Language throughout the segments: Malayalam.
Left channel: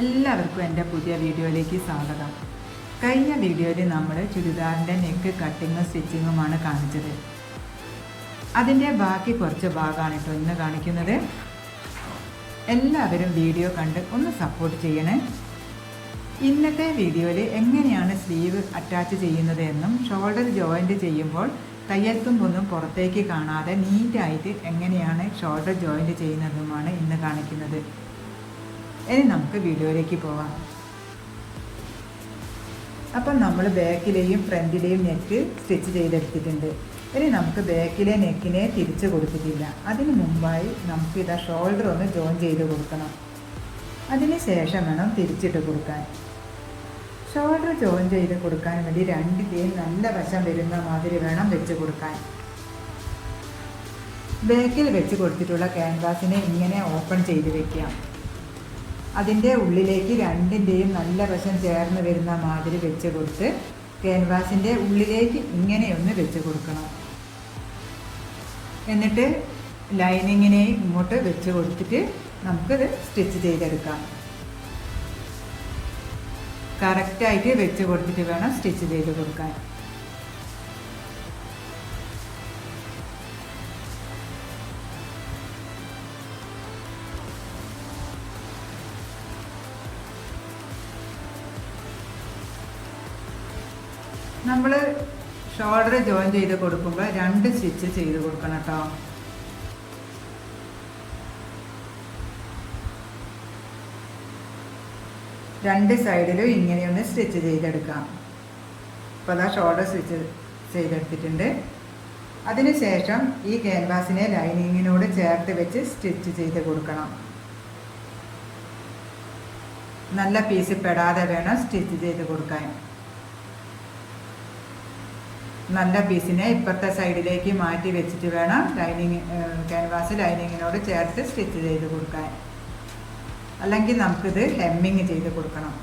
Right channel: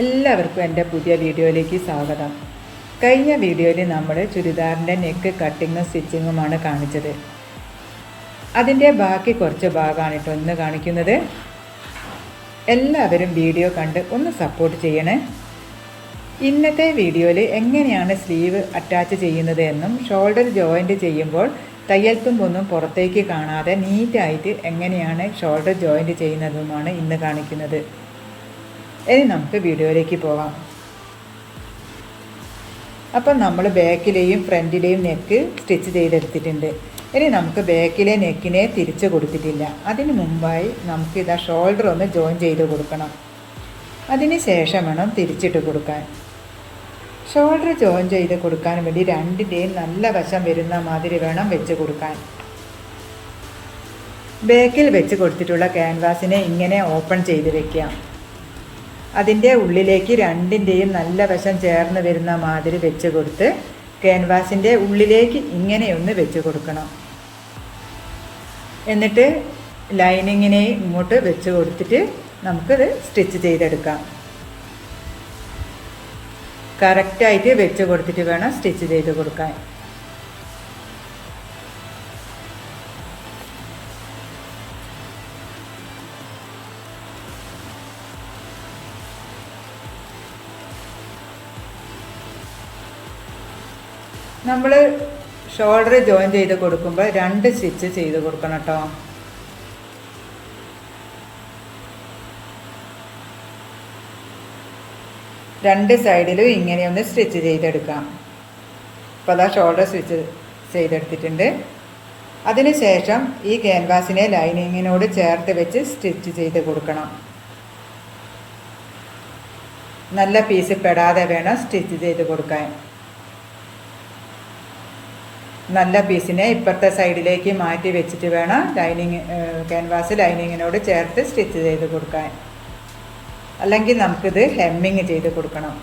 എല്ലാവർക്കും എൻ്റെ പുതിയ വീഡിയോയിലേക്ക് സ്വാഗതം. കഴിഞ്ഞ വീഡിയോയിൽ നമ്മൾ ചുരിദാറിൻ്റെ നെക്ക് കട്ടിങ്ങും സ്റ്റിച്ചിങ്ങുമാണ് കാണിച്ചത്. അതിൻ്റെ ബാക്കി കുറച്ച് ഭാഗമാണ് കേട്ടോ ഇന്ന് കാണിക്കുന്നത്. എല്ലാവരും വീഡിയോ കണ്ട് ഒന്ന് സപ്പോർട്ട് ചെയ്യണേ. ഇന്നത്തെ വീഡിയോയിൽ എങ്ങനെയാണ് സ്ലീവ് അറ്റാച്ച് ചെയ്യുന്നത് എന്നും ഷോൾഡർ ജോയിൻറ്റ് ചെയ്യുമ്പോൾ തയ്യൽ തുമ്പൊന്നും പുറത്തേക്ക് കാണാതെ നീറ്റായിട്ട് എങ്ങനെയാണ് ഷോൾഡർ ജോയിൻറ്റ് ചെയ്യുന്നതുമാണ് ഇന്ന് കാണിക്കുന്നത്. ഇനി നമുക്ക് വീഡിയോയിലേക്ക് പോകാം. അപ്പം നമ്മൾ ബാക്കിലെയും ഫ്രണ്ടിലെയും നെക്ക് സ്റ്റിച്ച് ചെയ്തെടുത്തിട്ടുണ്ട്. ഇനി നമുക്ക് ബാക്കിലെ നെക്കിനെ തിരിച്ച് കൊടുത്തിട്ടില്ല. അതിന് മുമ്പായി നമുക്ക് ഇതാ ഷോൾഡർ ഒന്ന് ജോയിൻ ചെയ്ത് കൊടുക്കണം. അതിന് ശേഷം വേണം തിരിച്ചിട്ട് കൊടുക്കാൻ. ഷോൾഡർ ജോയിൻ ചെയ്ത് കൊടുക്കാൻ വേണ്ടി രണ്ടിൻ്റെയും നല്ല വശം വരുന്ന മാതിരി വേണം വെച്ച് കൊടുക്കാൻ. ബാക്കിൽ വെച്ച് കൊടുത്തിട്ടുള്ള ക്യാൻവാസിനെ ഇങ്ങനെ ഓപ്പൺ ചെയ്ത് വെക്കാം. അതിൻ്റെ ഉള്ളിലേക്ക് രണ്ടിൻ്റെയും നല്ല വശം ചേർന്ന് വരുന്ന മാതിരി വെച്ച് കൊടുത്ത് ക്യാൻവാസിൻ്റെ ഉള്ളിലേക്ക് ഇങ്ങനെയൊന്ന് വെച്ച് കൊടുക്കണം. എന്നിട്ട് ലൈനിങ്ങിനെ ഇങ്ങോട്ട് വെച്ച് കൊടുത്തിട്ട് നമുക്കിത് സ്റ്റിച്ച് ചെയ്തെടുക്കാം. കറക്റ്റായിട്ട് വെച്ച് കൊടുത്തിട്ട് വേണം സ്റ്റിച്ച് ചെയ്ത് കൊടുക്കാൻ. നമ്മൾ ഷോൾഡർ ജോയിൻ ചെയ്ത് കൊടുക്കുമ്പോൾ 2 സ്റ്റിച്ച് ചെയ്ത് കൊടുക്കണം കേട്ടോ. രണ്ട് സൈഡിലും ഇങ്ങനെയൊന്ന് സ്റ്റിച്ച് ചെയ്തെടുക്കാം. അപ്പോൾ അതാ ഷോൾഡർ സ്റ്റിച്ച് ചെയ്തെടുത്തിട്ടുണ്ട്. അതിന് ശേഷം ഈ ക്യാൻവാസിനെ ലൈനിങ്ങിനോട് ചേർത്ത് വെച്ച് സ്റ്റിച്ച് ചെയ്ത് കൊടുക്കണം. നല്ല പീസ് പെടാതെ വേണം സ്റ്റിച്ച് ചെയ്ത് കൊടുക്കാൻ. നല്ല പീസിനെ ഇപ്പുറത്തെ സൈഡിലേക്ക് മാറ്റി വെച്ചിട്ട് വേണം ക്യാൻവാസ് ലൈനിങ്ങിനോട് ചേർത്ത് സ്റ്റിച്ച് ചെയ്ത് കൊടുക്കാൻ. അല്ലെങ്കിൽ നമുക്കിത് ഹെമ്മിങ് ചെയ്ത് കൊടുക്കണം.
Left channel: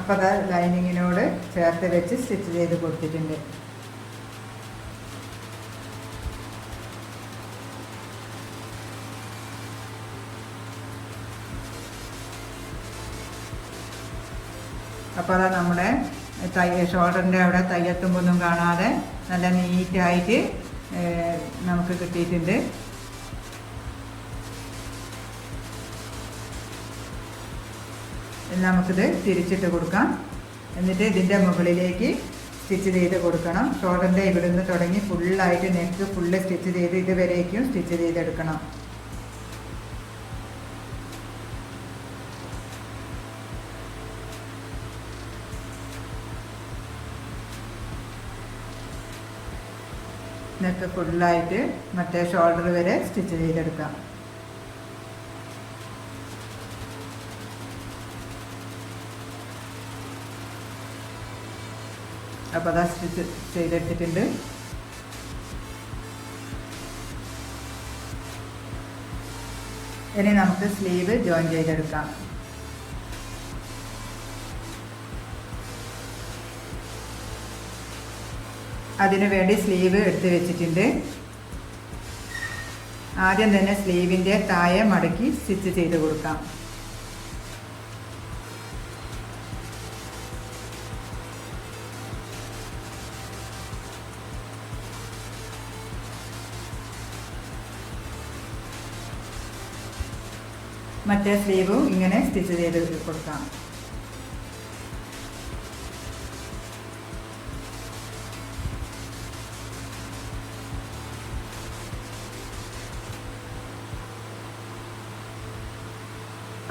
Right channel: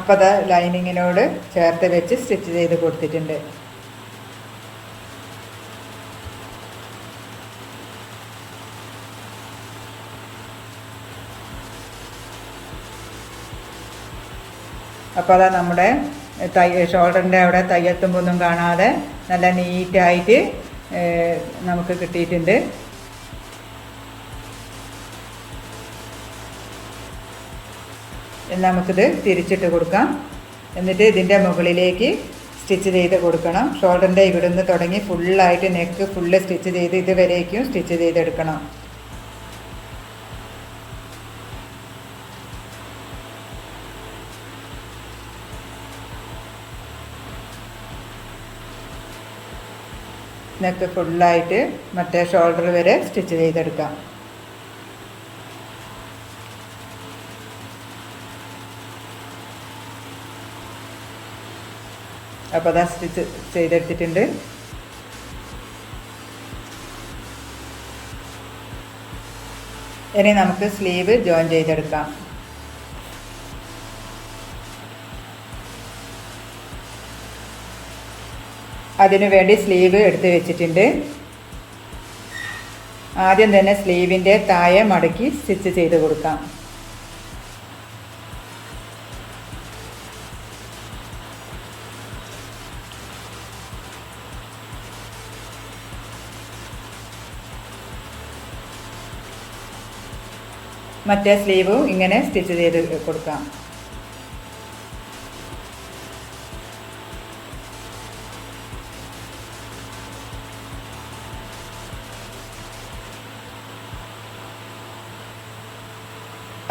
അപ്പോൾ അത് ലൈനിങ്ങിനോട് ചേർത്ത് വെച്ച് സ്റ്റിച്ച് ചെയ്ത് കൊടുത്തിട്ടുണ്ട്. അപ്പോൾ അതാ നമ്മുടെ ഷോൾഡറിൻ്റെ അവിടെ തയ്യൽ തുമ്പൊന്നും കാണാതെ നല്ല നീറ്റായിട്ട് നമുക്ക് കിട്ടിയിട്ടുണ്ട്. നമുക്കിത് തിരിച്ചിട്ട് കൊടുക്കാം. എന്നിട്ട് ഇതിൻ്റെ മുകളിലേക്ക് സ്റ്റിച്ച് ചെയ്ത് കൊടുക്കണം. ഷോൾഡറിൻ്റെ ഇവിടുന്ന് തുടങ്ങി ഫുള്ളായിട്ട് നെക്ക് ഫുള്ള് സ്റ്റിച്ച് ചെയ്ത് ഇതുവരേക്കും സ്റ്റിച്ച് ചെയ്തെടുക്കണം. നെക്ക് ഫുള്ളായിട്ട് മറ്റേ ഷോൾഡർ വരെ സ്റ്റിച്ച് ചെയ്തെടുക്കാം. അപ്പോൾ അതാ സ്റ്റിച്ച് ചെയ്തെടുത്തിട്ടുണ്ട്. ഇനി നമുക്ക് സ്ലീവ് ജോയിൻ ചെയ്തെടുക്കാം. അതിനു വേണ്ടി സ്ലീവ് എടുത്ത് വെച്ചിട്ടുണ്ട്. ആദ്യം തന്നെ സ്ലീവിൻ്റെ താഴെ മടക്കി സ്റ്റിച്ച് ചെയ്ത് കൊടുക്കാം. മറ്റേ സ്ലീവും ഇങ്ങനെ സ്റ്റിച്ച് ചെയ്ത് കൊടുക്കാം.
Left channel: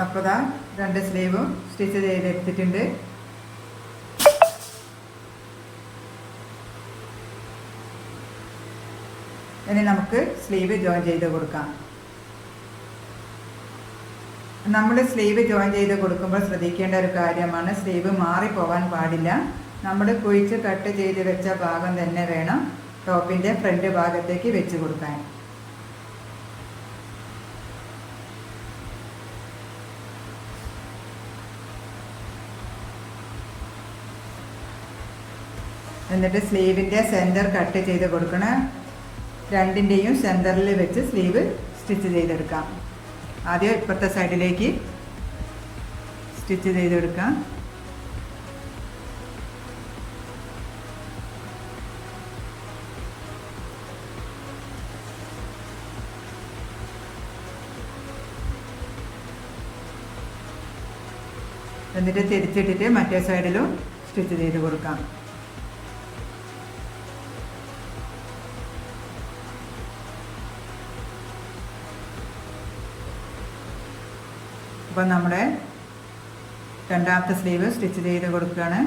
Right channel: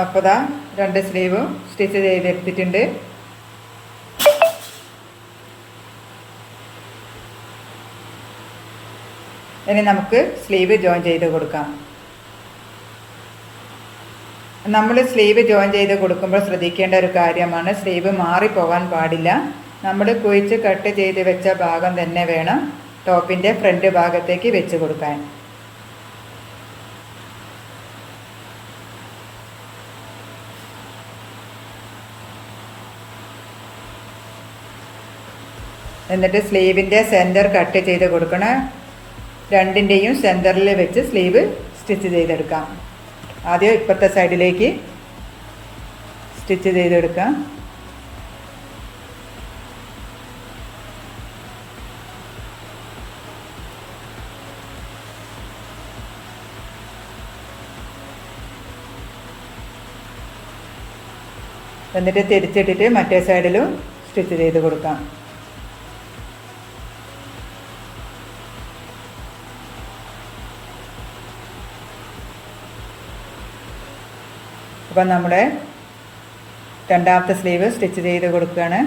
അപ്പോൾ ദാ 2 സ്ലീവും സ്റ്റിച്ച് ചെയ്തെടുത്തിട്ടുണ്ട്. ഇനി നമുക്ക് സ്ലീവ് ജോയിൻ ചെയ്ത് കൊടുക്കാം. നമ്മൾ സ്ലീവ് ജോയിൻ ചെയ്ത് കൊടുക്കുമ്പോൾ ശ്രദ്ധിക്കേണ്ട ഒരു കാര്യമാണ്, സ്ലീവ് മാറിപ്പോകാൻ പാടില്ല. നമ്മൾ കുഴിച്ച് കട്ട് ചെയ്ത് വെച്ച ഭാഗം തന്നെ വേണം ടോപ്പിൻ്റെ ഫ്രണ്ട് ഭാഗത്തേക്ക് വെച്ച് കൊടുക്കാൻ. എന്നിട്ട് സ്ലീവിൻ്റെ സെൻറ്റർ കട്ട് ചെയ്ത് കൊടുക്കണം. രണ്ടിൻ്റെയും സെൻറ്ററിൽ വെച്ച് സ്ലീവ് സ്റ്റിച്ച് ചെയ്തെടുക്കാം. ആദ്യം ഇപ്പുറത്തെ സൈഡിലേക്ക് സ്റ്റിച്ച് ചെയ്തെടുക്കാം. എന്നിട്ട് തിരിച്ചിട്ടിട്ട് മറ്റേ സൈഡിലും സ്റ്റിച്ച് ചെയ്ത് കൊടുക്കാം. അപ്പം നമ്മുടെ രണ്ടാമത്തെ സ്ലീവ് സ്റ്റിച്ച് ചെയ്ത് കൊടുക്കുകയാണ്.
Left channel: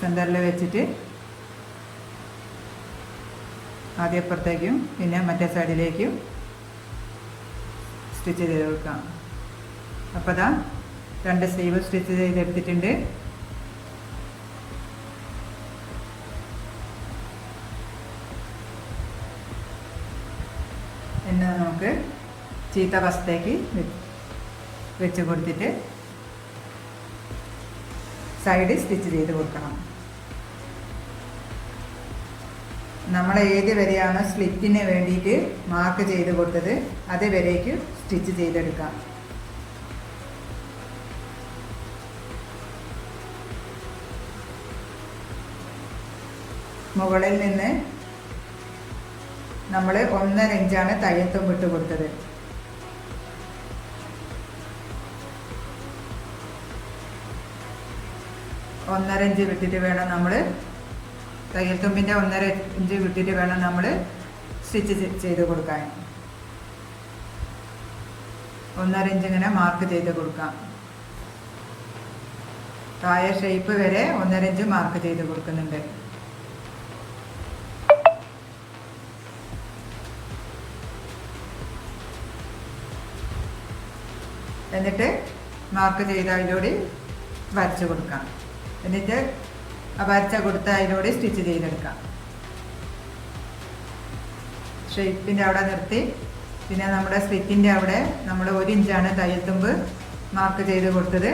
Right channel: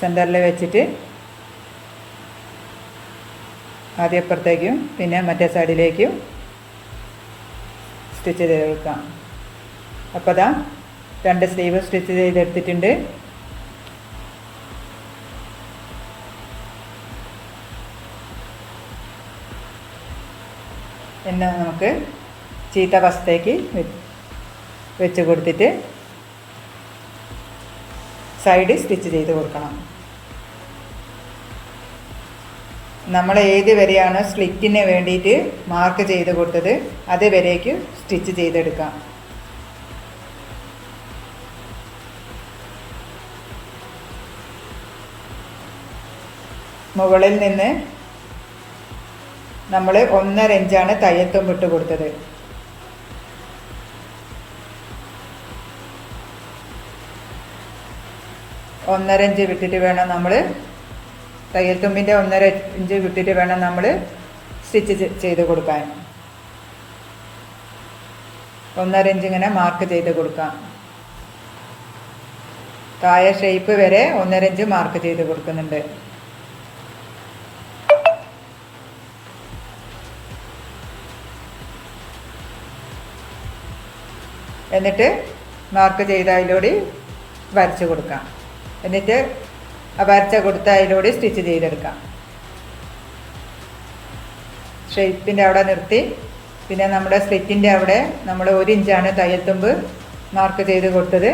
സെൻറ്ററിൽ വെച്ചിട്ട് ആദ്യം അപ്പുറത്തേക്കും പിന്നെ മറ്റേ സൈഡിലേക്കും സ്റ്റിച്ച് ചെയ്ത് കൊടുക്കാം. അപ്പോൾ അതാ രണ്ട് സ്ലീവ് സ്റ്റിച്ച് ചെയ്തെടുത്തിട്ടുണ്ട്. പിന്നെ നമുക്ക് ചീത്ത വശത്തേക്ക് വെച്ച് കൊടുത്തിട്ട് സൈഡ് സ്റ്റിച്ച് ചെയ്ത് കൊടുക്കണം. നമ്മൾ ഏത് വരെയാണ് സ്ലിറ്റിന് വേണ്ടിയിട്ട് മാർക്ക് ചെയ്ത് കൊടുത്തത് അത് വരേക്ക് സ്റ്റിച്ച് ചെയ്തെടുക്കാം. മുകളിൽ നിന്ന് നമ്മൾ 1.5 ഇഞ്ചാണ് തയ്യൽ തുമ്പ് ഇട്ട് കൊടുത്തത്. ഒന്നര ഇഞ്ച് വിട്ടിട്ട് വേണം നമ്മൾ തയ്യൽ തുമ്പിൻ്റെ 1.5 ഇഞ്ച് വിട്ടിട്ട് വേണം നമ്മൾ സ്റ്റിച്ച് ചെയ്ത് കൊടുക്കാൻ. 1.5 ഇഞ്ച് ഇങ്ങനെ മാർക്ക് ചെയ്ത് കൊടുക്കാം. താഴെ ഷേപ്പ് വരെ 1.5 ഇഞ്ച് മാർക്ക് ചെയ്ത് കൊടുക്കുന്നുണ്ട്. എന്നിട്ട് മാർക്ക് ചെയ്ത അതിലൂടെ വരച്ച് കൊടുക്കാം. എന്നിട്ട് വരച്ച കൊടുത്ത അതിലൂടെ സ്റ്റിച്ച് ചെയ്തെടുക്കാം. ഷേപ്പിൻ്റെ അവിടെ നിർത്തി പിന്നെ നമ്മുടെ സ്ലിറ്റിൻ്റെ അവിടെ നമ്മൾ 1 ഇഞ്ചാണ് തയ്യൽ തുമ്പ് മാർക്ക് ചെയ്ത് കൊടുത്തത്.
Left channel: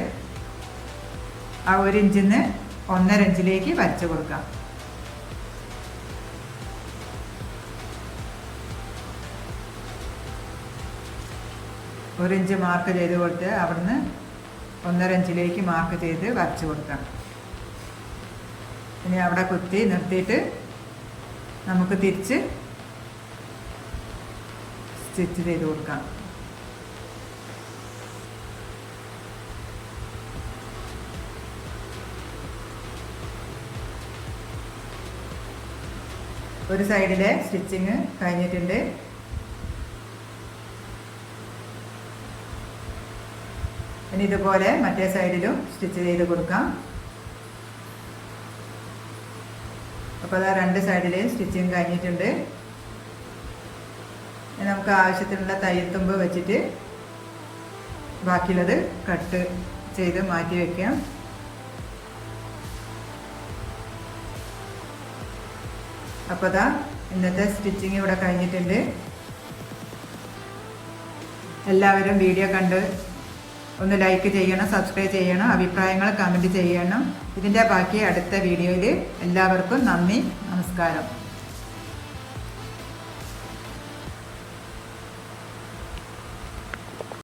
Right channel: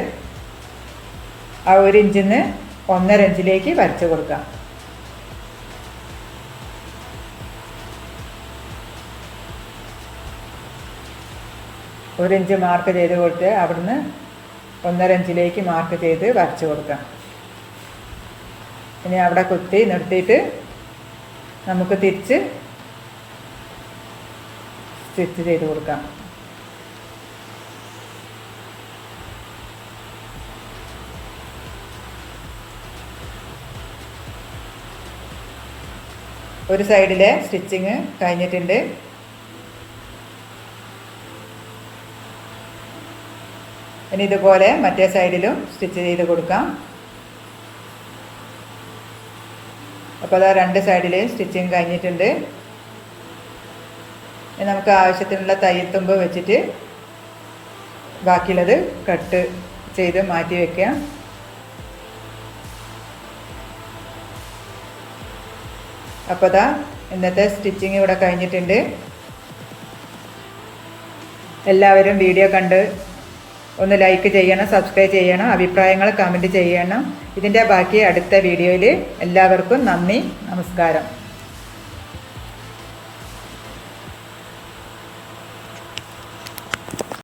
ആ 1 ഇഞ്ചിൽ നിന്ന് 1.5 ഇഞ്ചിലേക്ക് വരച്ച് കൊടുക്കാം. ഒരു ഇഞ്ച് മാർക്ക് ചെയ്ത് കൊടുത്ത് അവിടുന്ന് 1.5 ഇഞ്ചിലേക്ക് മാർക്ക് ചെയ്ത് വരച്ച് കൊടുക്കാം. ഇനി അവിടെ കുത്തി നിർത്തിയിട്ട് നമുക്ക് തിരിച്ച് സ്റ്റിച്ച് ചെയ്ത് കൊടുക്കാം. ഒരു സൈഡിലെ സ്റ്റിച്ചിങ് കഴിഞ്ഞിട്ടുണ്ട്. ഇനി ഇതുപോലെ മറ്റേ സൈഡിലും സ്റ്റിച്ച് ചെയ്ത് കൊടുക്കാം. അപ്പോൾ അതാ രണ്ട് സൈഡിലെയും സ്റ്റിച്ചിങ് കഴിഞ്ഞിട്ടുണ്ട്. ഇനി നമുക്ക് ആവശ്യത്തിനുള്ള തയ്യൽ തുമ്പ് വെച്ചിട്ട് ബാക്കിയുള്ളത് കട്ട് ചെയ്ത് മാറ്റി വയ്ക്കാം. അപ്പോൾ അതാ ഇന്നത്തെ സ്റ്റിച്ചിങ് ഇവിടെ കഴിഞ്ഞിട്ടുണ്ട്. എല്ലാവരും വീഡിയോ കണ്ട് ഒന്ന് ലൈക്ക് ചെയ്യണം, സബ്സ്ക്രൈബ് ചെയ്യണം, അഭിപ്രായങ്ങൾ കമൻറ്റ് ചെയ്യണം. ഇതിൻ്റെ ബാക്കി അടുത്ത വീഡിയോയിൽ. എല്ലാവർക്കും നന്ദി, നമസ്കാരം.